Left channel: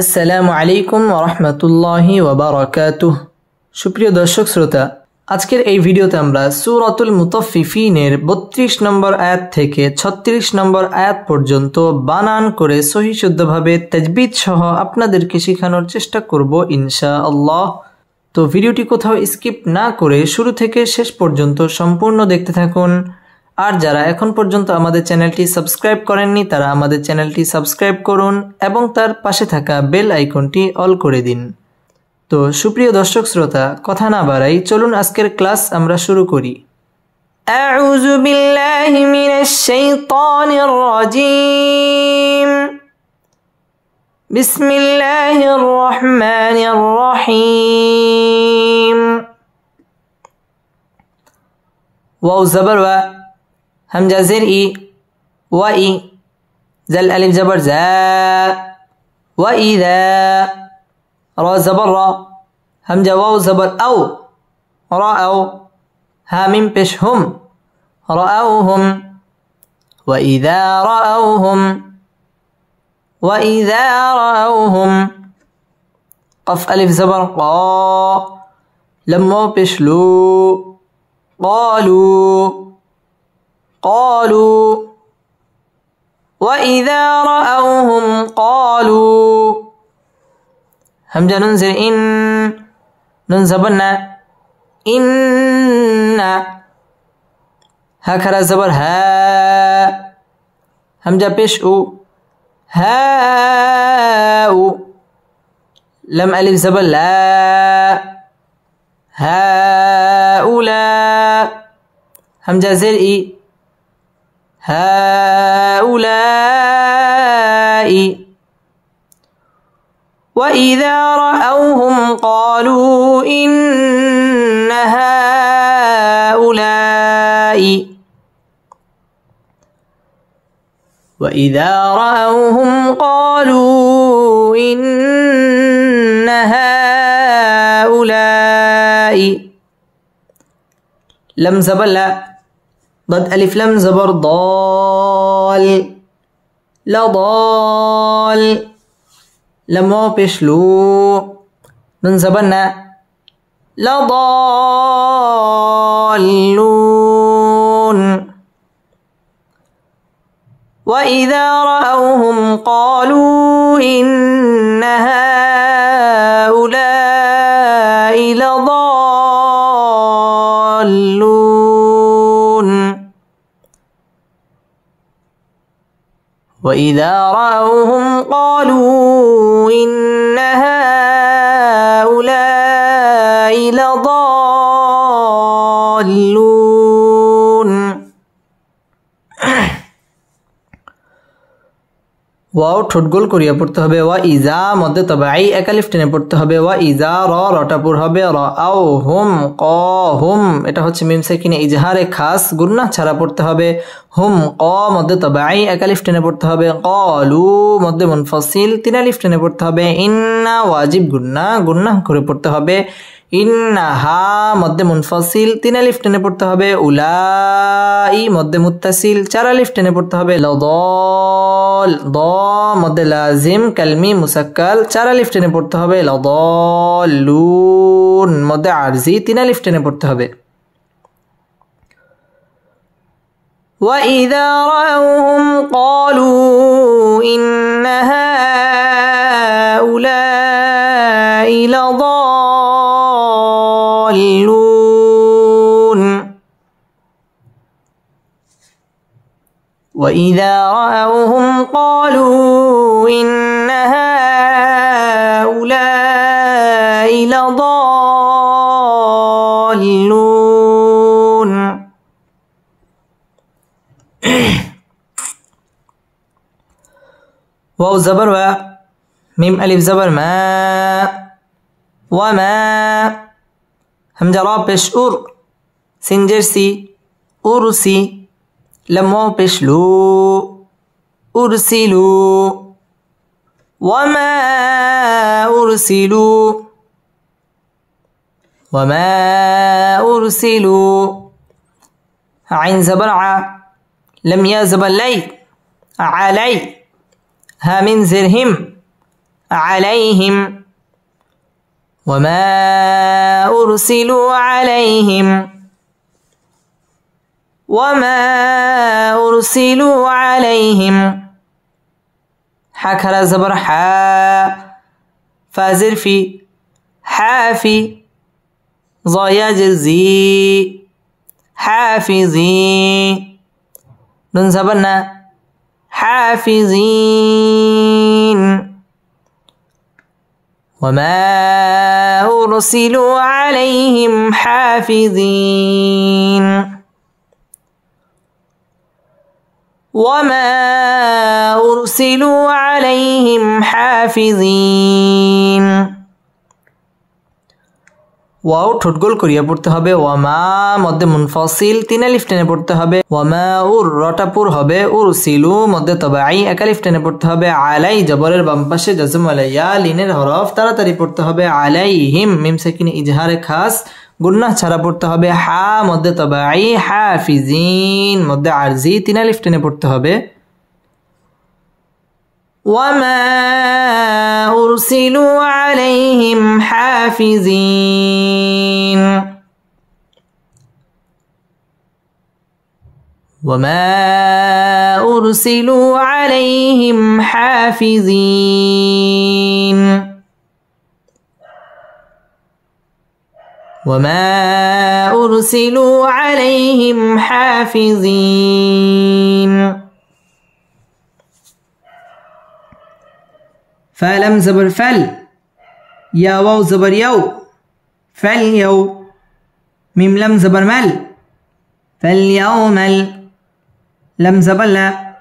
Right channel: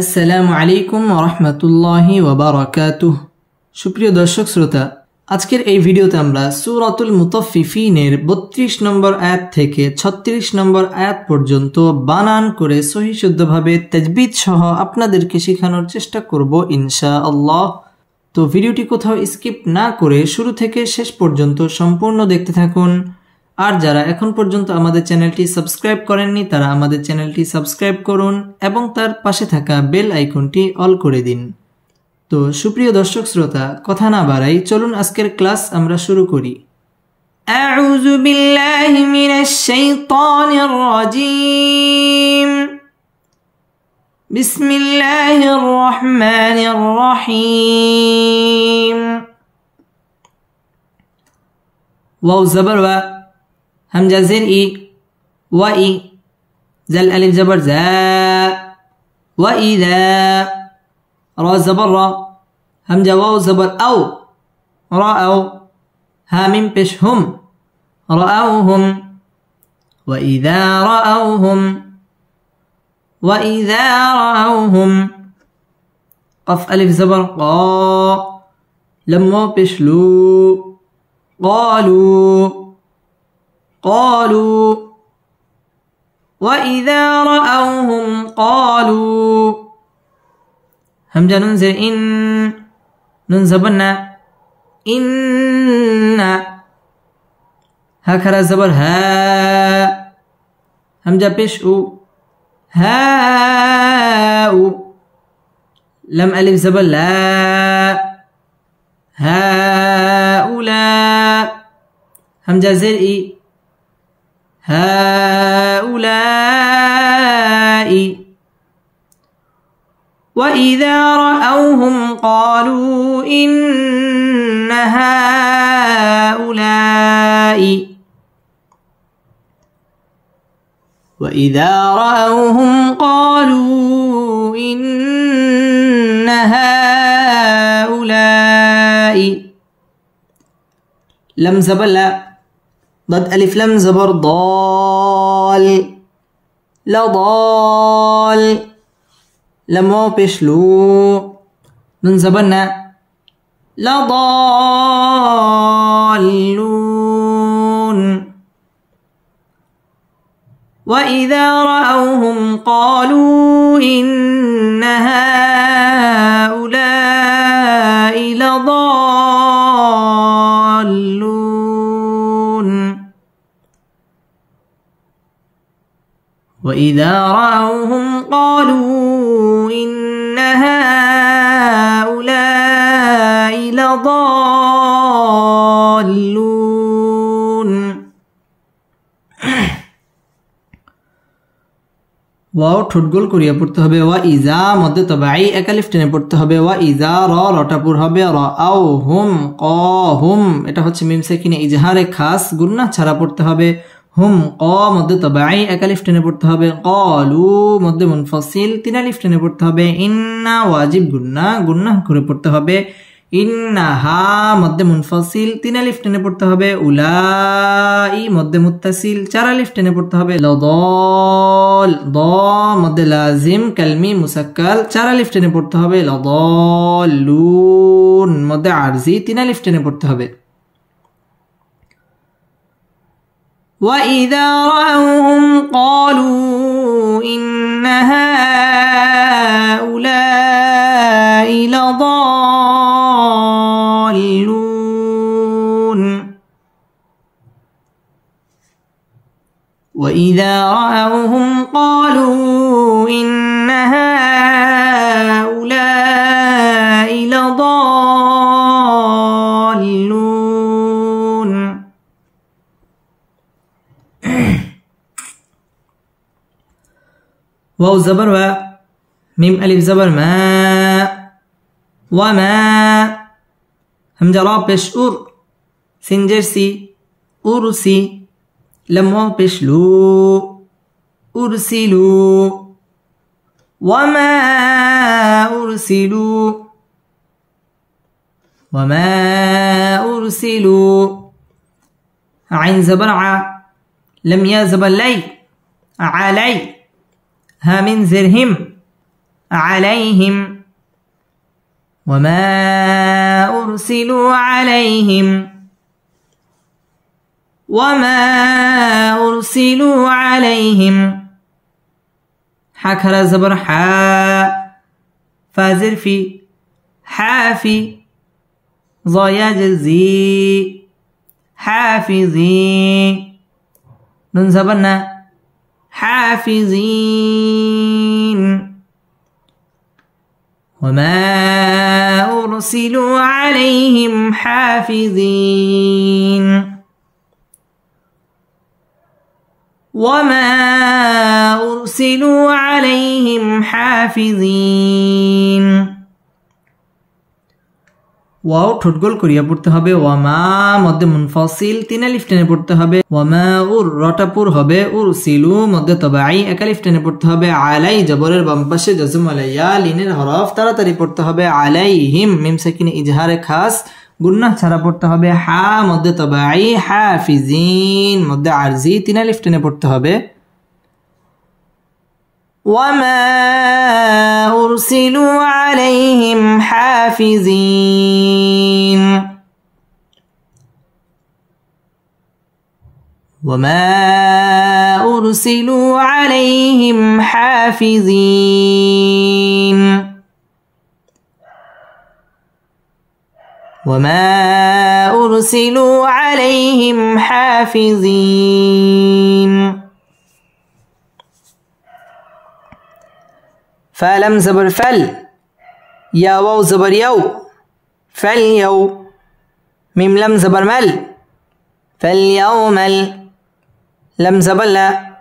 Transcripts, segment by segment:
আসসালামু আলাইকুম ওয়া রাহমাতুল্লাহি ওয়া বারাকাতুহু। সুপ্রিয় দর্শক শ্রোতা, আজকের এই ভিডিওতে আমরা সূরাতুল মুতাফফিফিনের 32 নম্বর আয়াত থেকে 36 নম্বর আয়াত পর্যন্ত বানান করে সহিহ শুদ্ধভাবে তাজবিদ সহ আপনাদেরকে শেখানোর চেষ্টা করব ইনশাআল্লাহ। তো ভিডিওটি কোথাও স্কিপ না করে শুরু থেকে শেষ পর্যন্ত সম্পূর্ণ দেখতে থাকুন। আর যারা এখন পর্যন্ত আমাদের চ্যানেলটি সাবস্ক্রাইব করেননি তারা আমাদের চ্যানেলটি সাবস্ক্রাইব করুন এবং তার পাশে থাকা বেল আইকনটি অল করে দিন। তো সুপ্রিয় দর্শক শ্রোতা, কথা না বাড়াই চলুন আজকের ক্লাস আমরা শুরু করি। আউযু বিল্লাহি মিনাশ শাইতানির রাজীম। বিসমিল্লাহির রহমানির রহিম। ওয়াও জবর ওয়া, همزة زر إي وإي، زل ألف زبر زا، وإذا، را زبر را، همزة واو زبر أو، رأوا، ها ميم بش هم، رأوهم، وإذا رأوهم، وإذا رأوهم، قف ألف زبر قا، لمو بش لو، قالوا قالوا، وإذا رأوهم قالوا، همزة ننزل إن، ننزبنا إن، هكذا زبر ها، همزة بيش أو، هاء، لم ألف زبر لا، هؤلاء، همزة زر إي، هؤلاء، وإذا رأوهم قالوا إن هؤلاء، وإذا رأوهم قالوا إن هؤلاء، لم زبر لا، ضد ألف لم زبر ضال، لضال، لم واو بيش لو، من زبرنا لضالون، وإذا رأوهم قالوا إن هؤلاء لضالون، وإذا رأوهم قالوا إن هؤلاء لضالون। ওয়াও ঠোঁট গোল করিয়া পড়তে হবে। ওয়া ইজা মধ্যে তবাই এক আলিফ টেনে পড়তে হবে। ওয়া ইজা রটাপুর হবে র আও হুম ক হুম, এটা হচ্ছে মিম সাকিনে ইজহারে খাস, গুন্না ছাড়া পড়তে হবে। হুম ক মধ্যে তবাই এক আলিফ টেনে পড়তে হবে। কলু মধ্যে মুনফাসিল তিন আলিফ টেনে পড়তে হবে। ইন্না ওয়াজিব গুন্না, গুন্না করে পড়তে হবে। ইন্না হা মধ্যে মুনফাসিল তিন আলিফ টেনে পড়তে হবে। উলাই মধ্যে মুত্তাসিল চার আলিফ টেনে পড়তে হবে। লদল দ মধ্যে লাজিম কালমি মুসাক্কাল চার আলিফ টেনে পড়তে হবে। লদলুন মধ্যে আরজি তিন আলিফ টেনে পড়তে হবে। وإذا رأوهم قالوا إن هؤلاء لضالون، وإذا رأوهم قالوا إن هؤلاء لضالون، واو زبر و، ميم ألف زبر ما، وما، همزة را پیش اور، سنجر سی، أرسي، لم واو پیش لو، أرسلوا، وما أرسلوا، وما أرسلوا، عين زبر ع، لم يا زبر لي، علي، ها من زرهم، عليهم وما أرسلوا عليهم وما أرسلوا عليهم حكرا زبر حا فازر في حافي ضياجر زي حافظي نون زبرنا حافظين وما أرسلوا عليهم حافظين وما أرسلوا عليهم حافظين ওয়াও ঠোঁটগোল করিয়া পড়তে হবে ওয়ামা মধ্যে মুনফাসিল তিন আলিফ টেনে পড়তে হবে ওয়ামা উর রটাপুর হবে উরসিলু মধ্যে তবাই এক আলিফ টেনে পড়তে হবে আলাই জবরের বাম পাশে জাজম আলাইয়া লিনের হরফ তাড়াতাড়ি পড়তে হবে আলাইহিম মিম সাকিনে ইজহারে খাস গুন্নাহ ছাড়া পড়তে হবে হা মধ্যে তবাই হাফিজিন মধ্যে আরজি তিন আলিফ টেনে পড়তে হবে وما أرسلوا عليهم حافظين وما أرسلوا عليهم حافظين وما أرسلوا عليهم حافظين فلم زبر فل يا واو زبر يو فاليو ميم لم زبر مل فاليوم لم زبر لا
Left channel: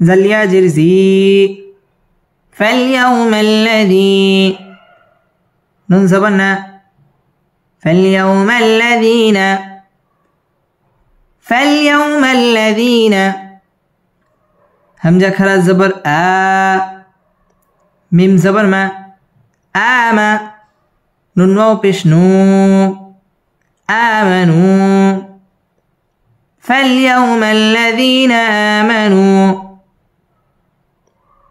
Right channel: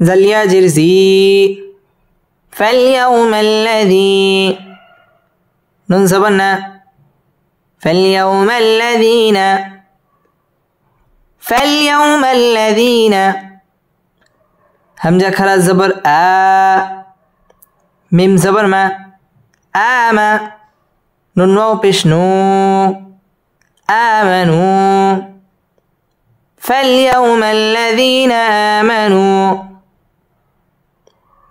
زل يا جرزي فاليوم الذي نون زبرنا فاليوم الذين فاليوم الذين همزة خلاص زبر ميم زبر ما آما نون واو پیش نو آمنوا فاليوم الذين آمنوا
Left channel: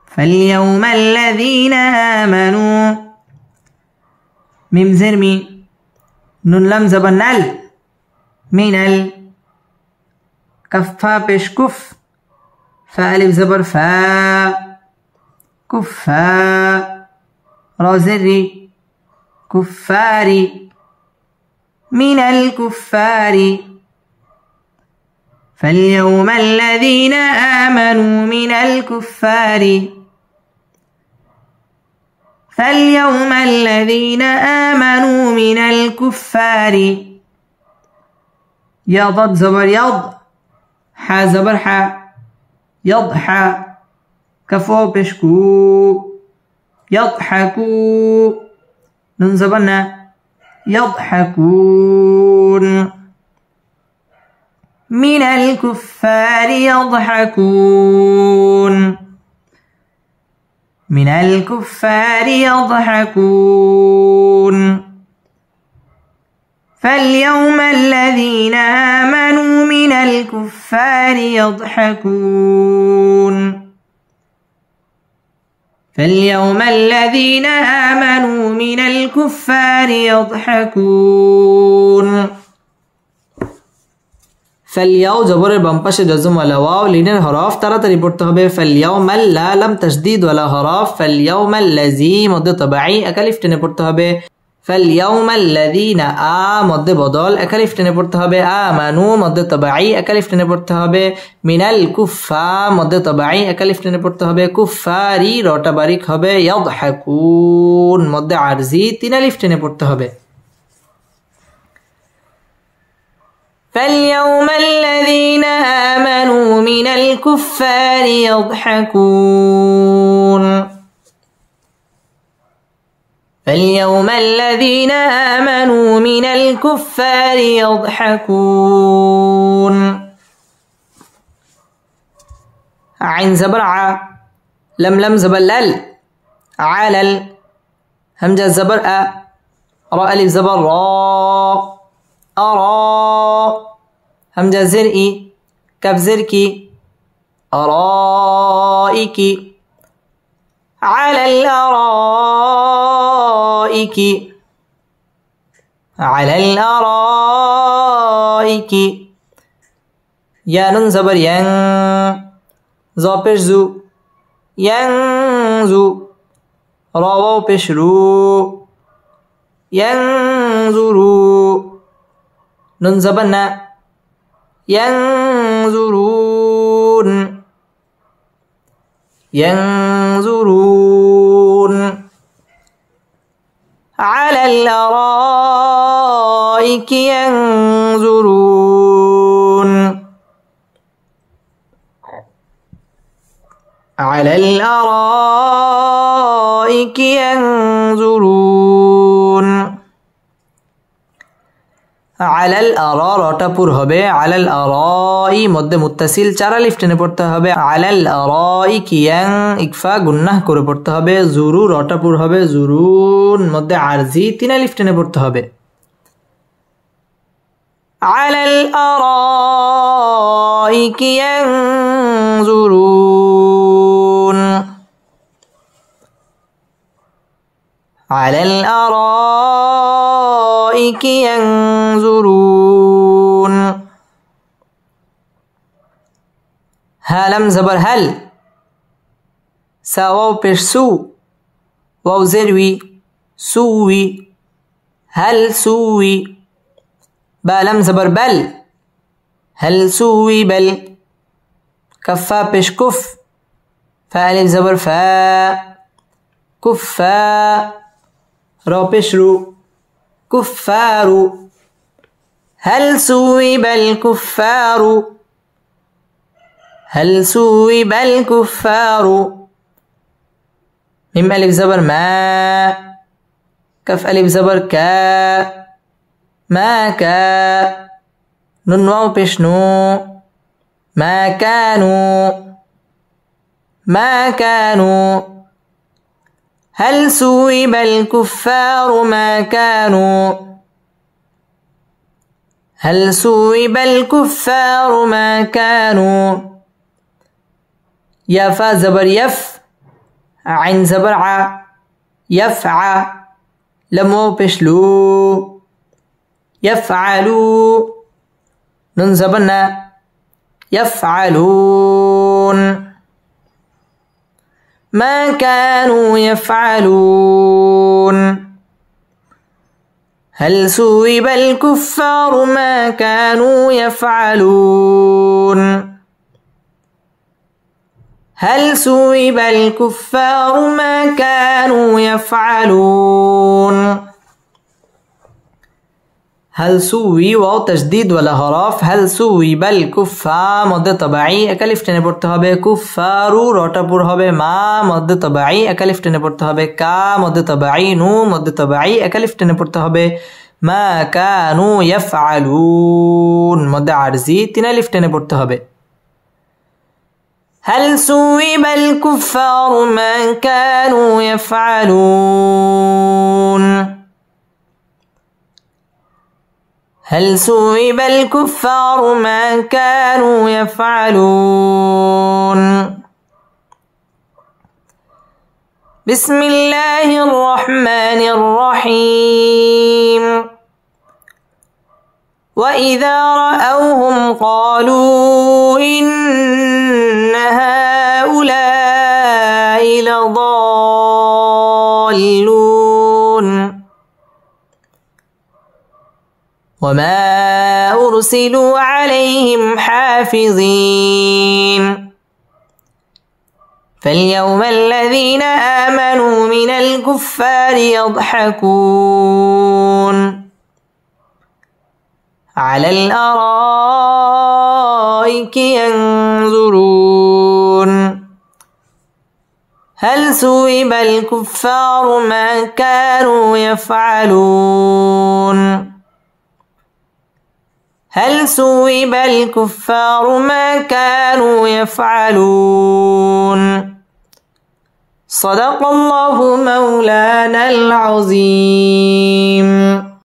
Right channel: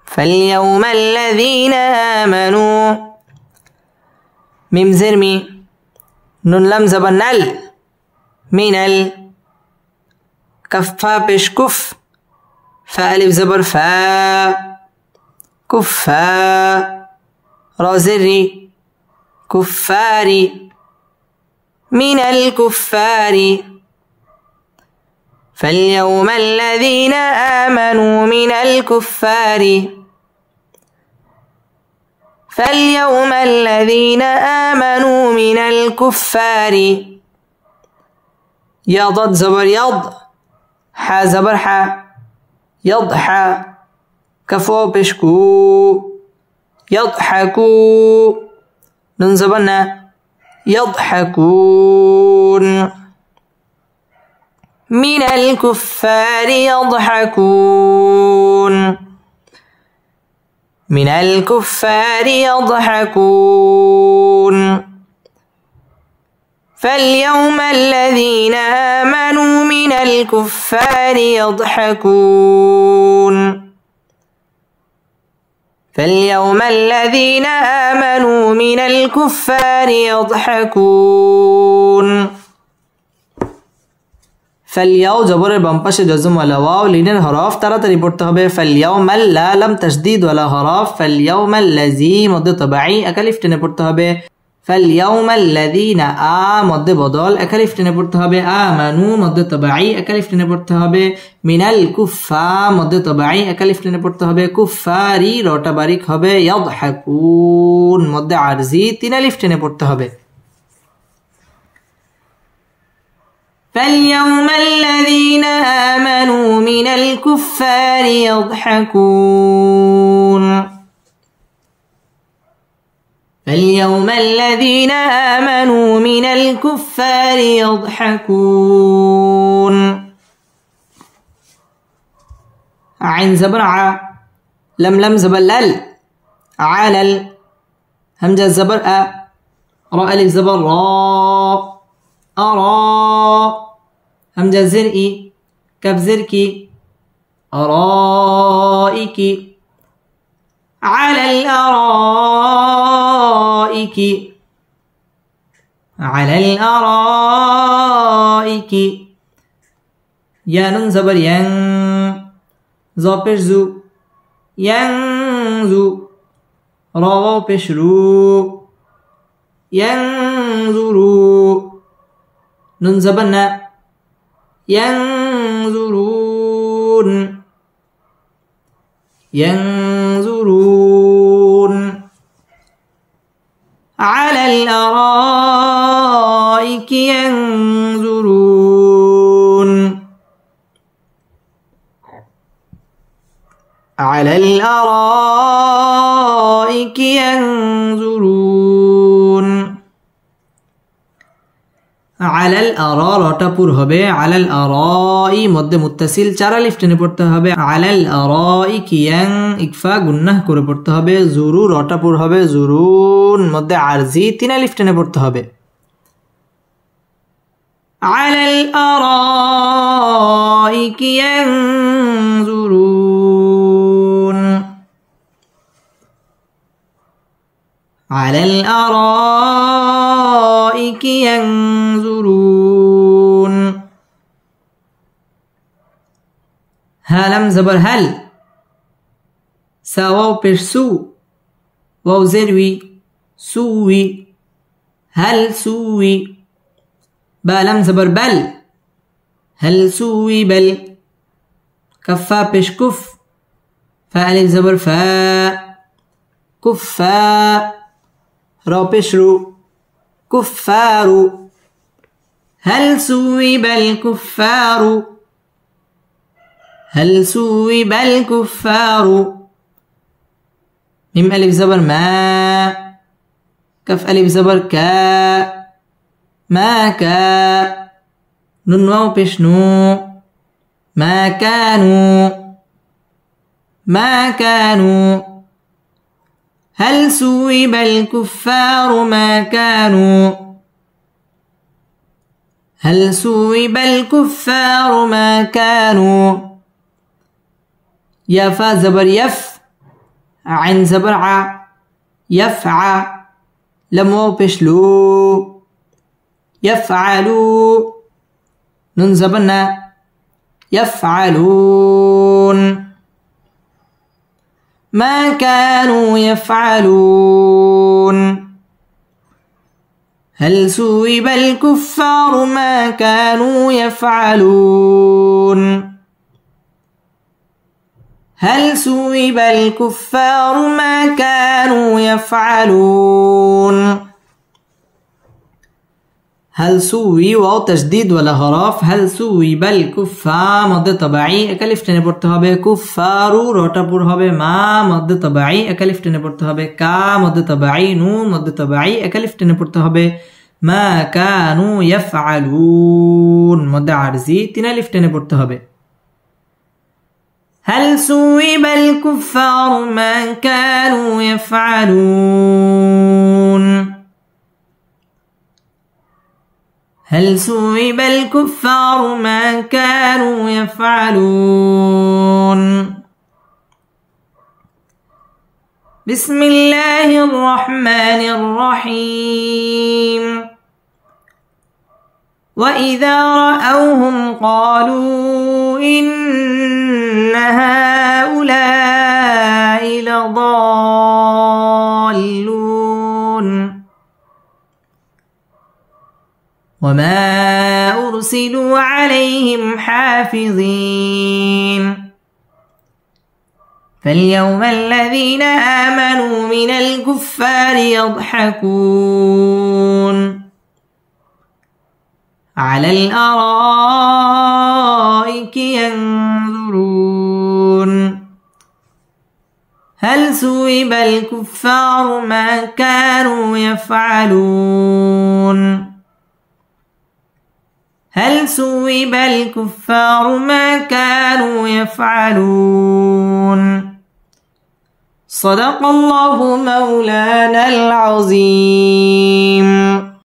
فاليوم الذين آمنوا ميم زرمي نون لم زبر نل من ال كفا پیش كف فألف زبر فا كفا رازري كفاري من الكفار فاليوم الذين آمنوا من الكفار فاليوم الذين آمنوا من الكفار يضد زبر يض حا زبر حا يضحى كفو بشكو يضحكوا نون زبرنا يضحكون من الكفار يضحكون من الكفار يضحكون فاليوم الذين آمنوا من الكفار يضحكون فاليوم الذين آمنوا من الكفار يضحكون فالياو জবরের বাম পাশে জজম ওয়ালা ওয়াও লিনের হরফ তাড়াতাড়ি পড়তে হবে ফালইয়াউমাল লা লাম তাশদীদ ওয়ালা হরফ ফালইয়াউমাল লাযী মধ্যে তবাই এক আলিফ টেনে পড়তে হবে ফালইয়াউমাল লাযীনা আ মধ্যে বদল এক আলিফ টেনে পড়তে হবে আমানু মধ্যে তবাই এক আলিফ টেনে পড়তে হবে মিনাল কুফা মধ্যে তবাই এক আলিফ টেনে পড়তে হবে কুফারি রটা বারিক হবে ইয়াদহাকুন মধ্যে আরজি তিন আলিফ টেনে পড়তে হবে فاليوم الذين آمنوا من الكفار يضحكون فاليوم الذين آمنوا من الكفار يضحكون عين زبر ع لم زبر لل علل همزة زبر أ راء ألف زبر را أرى همزة زرئي كف زركي أرائك على الأرائك على الأرائك يا نون زبر ين زو پیش زو ينزو رو پیش رو ينظروا نون زبر نا ينظرون ينظرون على الأرائك ينظرون على الأرائك ينظرون على الأرا রটাপুর হবে على الأراء মধ্যে মুত্তাসিল চার আলিফ টেনে পড়তে হবে على الأراء কিয়াং ইকফা গুন্নাহ করে পড়তে হবে জুরু রটাপুর হবে জুরুন মধ্যে আরজি তিন আলিফ টেনে পড়তে হবে على الأرائك ينظرون على الأرائك ينظرون هلم زبر هل سواو پیش سو واو زروي سوي هل سوي بالم زبر بل هل سوي بل كفا پیش كف فالف زبر فا كفا رو پیش رو كفار هل سوب الكفار هل سوب الكفار ميم ألف زبر ما كف ألف زبر كا ما كا نون واو پیش نو ما كانوا ما كانوا هل سوب الكفار ما كانوا هل سوب الكفار ما كانوا يا فا زبر يف عين زبر ع يفعى لم واو پیش لو يفعلوا نون زبر نا يفعلون ما كانوا يفعلون هل سوب الكفار ما كانوا يفعلون هل سوب الكفار ما كانوا يفعلون هل سوي واو تشديد ولا هراف هل سوي بل كفار مد طبيعي اكالف টেনে পড়তে হবে কুফারু রটাপুর হবে মা মদ তবাই একালিফ টেনে পড়তে হবে কা মদ তবাই নু মদ তবাই একালিফ টেনে পড়তে হবে মা কানু ইয়াফআলুন মদ আরজি তিন আলিফ টেনে পড়তে হবে هل سوب الكفار ما كانوا يفعلون هل سوب الكفار ما كانوا يفعلون بسم الله الرحمن الرحيم وإذا رأوهم قالوا إن هؤلاء لضالون وما أرسلوا عليهم حافظين فاليوم الذين آمنوا من الكفار يضحكون على الأرائك ينظرون هل سوب الكفار ما كانوا يفعلون هل سوب الكفار ما كانوا يفعلون صدق الله مولانا العظيم